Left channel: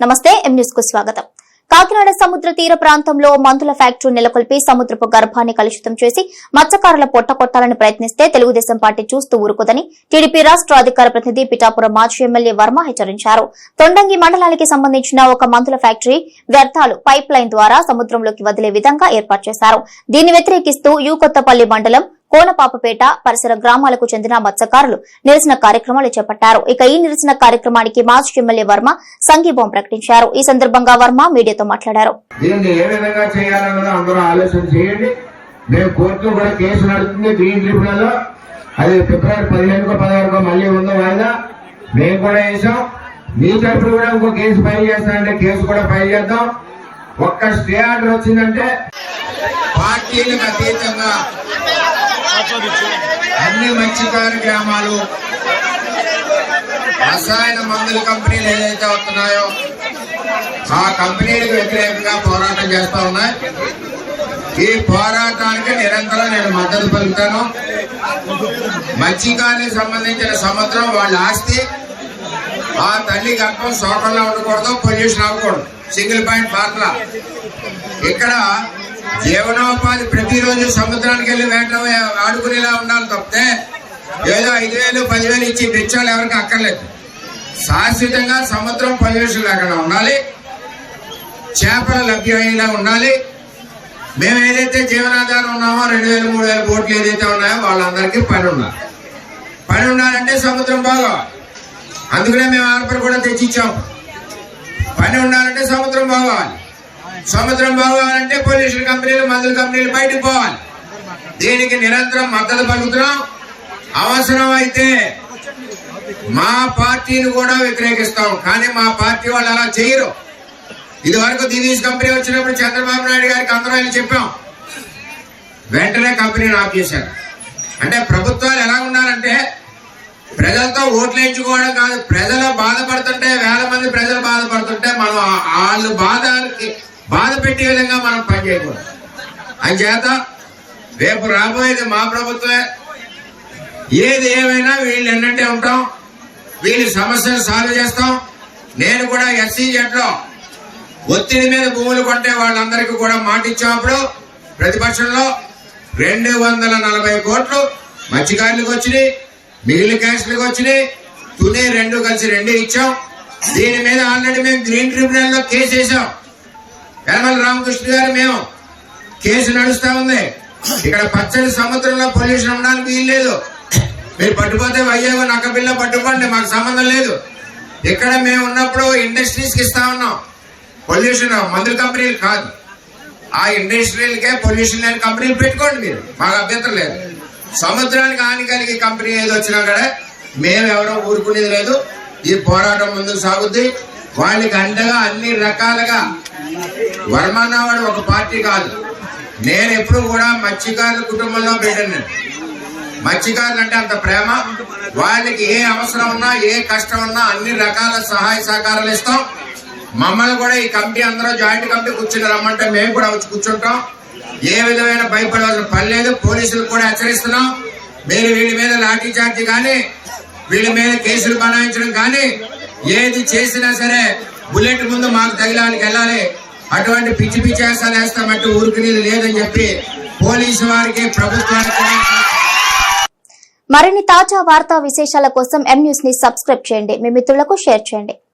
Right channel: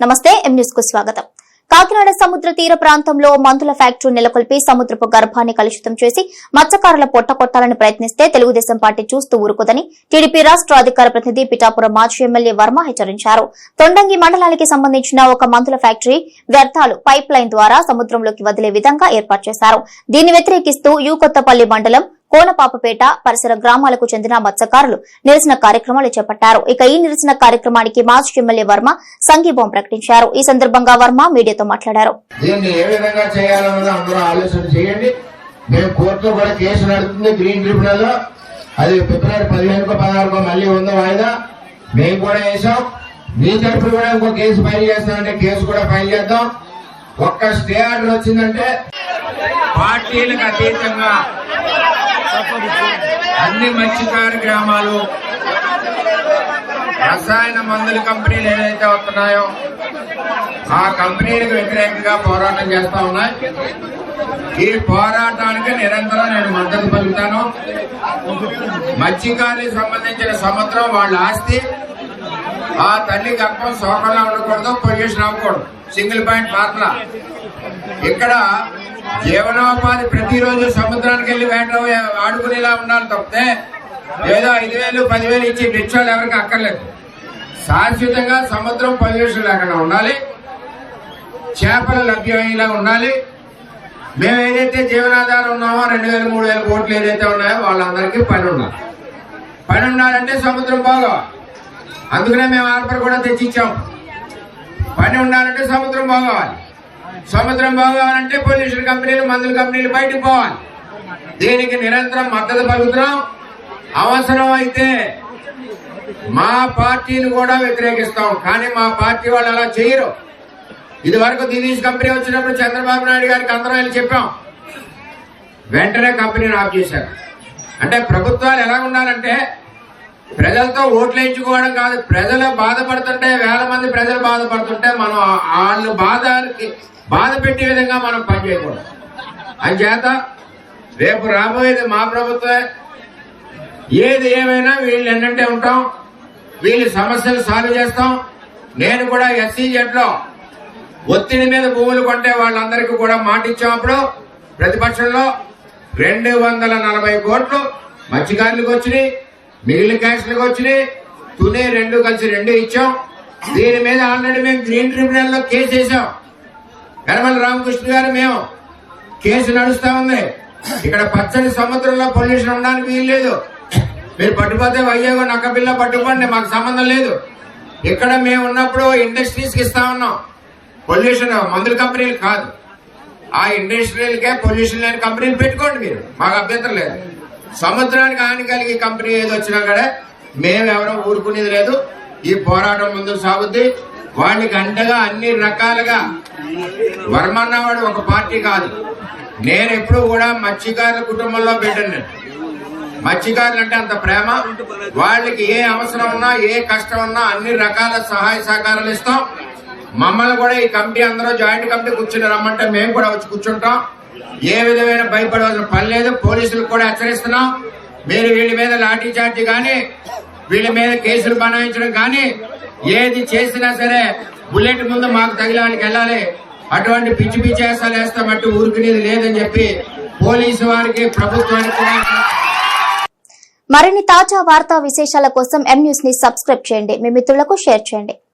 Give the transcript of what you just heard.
నమస్తే ఎం న్యూస్కు స్వాగతం. కాకినాడ సముద్ర తీర ప్రాంతంలో మందుల ఫ్యాక్టరీ నెలకొల్పి సముద్రపు గర్భాన్ని కలుషితం చేసి మత్స్యకారుల పొట్ట కొట్టాలని ప్రయత్నిస్తే తెలుగుదేశం పార్టీ చూస్తూ ఊరుకోదని టీడీపీ రాష్ట అధికార ప్రతినిధి పిఠాపురం మాజీ ఎమ్మెల్యే వర్మ హెచ్చరించారు. తొండంగి మండలానికి సంబంధించిన ఒక మందుల ఫ్యాక్టరీ వ్యర్థాలు పైప్ లైన్ ద్వారా సముద్రంలోకి వదిలే విధంగా ఏర్పాటు చేశారు. దీన్ని వ్యతిరేకిస్తూ యూ కొత్తపల్లి మండలం కోనపాపపేట పరిసర గ్రామాలకు చెందిన మత్స్యకారులు నిరసన కార్యక్రమాలు చేపట్టారు. ఇక ఈ నిరసన కార్యక్రమానికి మాజీ ఎమ్మెల్యే వర్మ సంఘీభావం ప్రకటించారు. ఈ సందర్భంగా వర్మ మీడియాతో మాట్లాడారు. దీన్ని ఏ విధంగా చేయాలన్నది అందరూ ఆలోచన చేయండి. మేము కోర్టులో కూడా కేసు నడుస్తుంది గ్రీన్ ట్రిబ్యునల్. లో అది ఫిబ్రవరి పదిహేనుకో పదహారుకో మళ్ళీ ఉందో వాయిదా? మేము కూడా వేసాం మీ తరఫున కూడా ఇంకో కేసు ఫైల్ చేస్తానంటే కేసు కూడా ఫైల్ చేద్దాం. ఒక్క స్టే ఆర్డర్ వచ్చిందంటే పార్టీలకు అతీతంగా అన్ని మత్స్యకార గ్రామాలు రసాయన మందుల కంపెనీలు ఏదైతే వస్తున్నాయో ఆ కంపెనీలకు వ్యతిరేకంగా పోరాటం చేస్తా ఉన్నాయి. ఈ పోరాటానికి నిరంతరం నేను మద్దతు పలుకుతాను. మత్స్యకారులకు సంబంధించిన సముద్రం వాళ్ళ ఆస్తి ఆ తల్లి గర్భం సోటల్లో ఉండకూడదు పొల్యూషన్ అవ్వకూడదు. సింగిల్ పాయింట్ ఫార్ములా ఇక్కడ జీవనోపాధి ప్రతిరోజు సముద్రానికి వెళ్ళి వేట ఆడుకునేలా ఉండాలి తప్పితే ఏదో ఐదు వేలు పదివేలు ఇచ్చి రిక్షాలు ఎవరికి అక్కర్లేదు. శాశ్వతంగా సముద్రం పొల్యూషన్ లేకుండా ఉండాలి. చేపలు లభ్యమయ్యేలా ఉండాలి. మేము ఏదైతే జీవనాధారం ఉన్నామో రెండు వేలు మూడు వేల కోట్లు ఏదైతే ఉన్నాయో వాళ్ళందరికీ పని ఉండాలి. పని ఉండాలంటే సముద్రం బాగోవాలి. అందుకనే మేము ఆర్పర్ కూడా తెచ్చిచ్చాం. పని ఉండాలంటే సముద్రం బాగోవాలి. సముద్రం బాగోవాలంటే పొల్యూషన్ కంపెనీలు మందుల కంపెనీలు బయటకు పోవాలి. దీనికి నిరంతరం మద్దతు పలుకుతున్నాం. అవసరం అయితే మా పార్టీని కూడా వ్యతిరేకిస్తాం. కానీ మా పార్టీ వాళ్ళు అలా చేయరు. ఇది వరకు దినీష్ కంపెనీ వచ్చినప్పుడు చంద్రబాబు నాయుడు గారికి అందరూ వెళ్ళి చెప్పాం. వెంటనే కంపెనీని ఆఫ్ చేశారు. అంటే ప్రభుత్వాలు ఎలా ఉండాలంటే ప్రజలతో ఓట్లు వేయించుకోవడం కాదు. ప్రజలు బాధపడుతుంటే వేల మంది ప్రజలు బాధపడుతుంటే మనం వాళ్ళు బాధకి బాధ పెట్టే విధంగా మనం పనిచేయకూడదు అంచేత రేపు రాబోయేది మా ప్రభుత్వమే. ఏది ఏమైనా వీళ్ళు ఎన్నంటే ఉంటాం. వీళ్ళ సమస్యలు సాల్వ్ చేస్తాం. నేను కూడా ఎస్సీజెట్లో ఒత్తిడి మీద భూములు కొంటే వాళ్ళందరికీ కూడా మాట ఇచ్చినప్పుడు ప్రతిపక్షంలో రెండు వందల నలభై కోట్లు మత్స్యకారులకు వచ్చినాయి మిగిలిన క్యాన్సర్లకు వచ్చినాయి. తుని రెండు కలిసి రెండే ఇచ్చాం. దీని మీద ఆల్రెడీ మేము గ్రీన్ ట్రిబ్యునల్లో కేసు వేసాం. యనమల రామకృష్ణ గారు మేము కేసు నడుస్తా ఉంది. ఇక్కడ పచ్చని సముద్రంలో పొల్యూషన్ ఉండడానికి వీల్లేదు మీరు పట్టుపోతే అయ్యేగో నక్క పిల్ల పట్టుకోండి మాకు సంబంధం లేదు. ఇక్కడ మేము ఉన్నప్పుడు ఇండస్ట్రీస్కి ఇస్తా ఉన్నాం. పొల్యూషన్ మందుల కంపెనీలు కాదు. ఆ ఇండస్ట్రియల్కే పొల్యూషన్ లేని కంపెనీలు పెట్టుకోండి మీరు. మాకు అభ్యంతరం లేదు. సముద్రానికి హాని కలిగే కంపెనీ ఏది వచ్చినా కూడా మేము ఊరుకునేది లేదు. ఈ పోరాటం ముందుకు సాగుద్ది. వాళ్ళకి అండగా అన్ని రకాలుగా వర్మన్నవాడు ఒక పార్టీ కాదు. నేను ఎప్పుడు కూడా మత్స్యకారుల కుటుంబంలో బిడ్డను మత్స్యకారులు అంటే అంత ప్రేమ. వాళ్ళకి ఏ అవసరం ఉన్నా ఏ కష్టం ఉన్నా అన్ని రకాల సహాయ సహకారాలు ఇస్తాం. మమ్మల్ని కూడా ఈ కమిటీ అందరూ జాయింట్ కమిటీ కూర్చుని రమ్మంటే మేము కూడా వచ్చి కూర్చుంటాం. ఏ విధమైన భయపడవలసిన పని లేదు. పోలీసులకు కూడా హెచ్చరిస్తున్నాం. మీరు వీళ్ళ మీద లాఠీ చార్జీ కానీ వీళ్ళ మీద కేసులు బనాయించడం కానీ ఏది చేసినా సరే బుల్లెట్ ముందు మాకు తగిలానికి వెళ్ళాలి. అటువంటి పిచ్చి పిచ్చి వేసాలు వేస్తామంటే ఊరుకునేది లేదని చెప్పి పోలీసు వారికి ప్రభుత్వానికి మరిన్ని తాజా వార్తా విశేషాల కోసం ఎం న్యూస్ని సబ్స్క్రైబ్ చేయండి. మీ మిత్రులకు షేర్ చేయండి.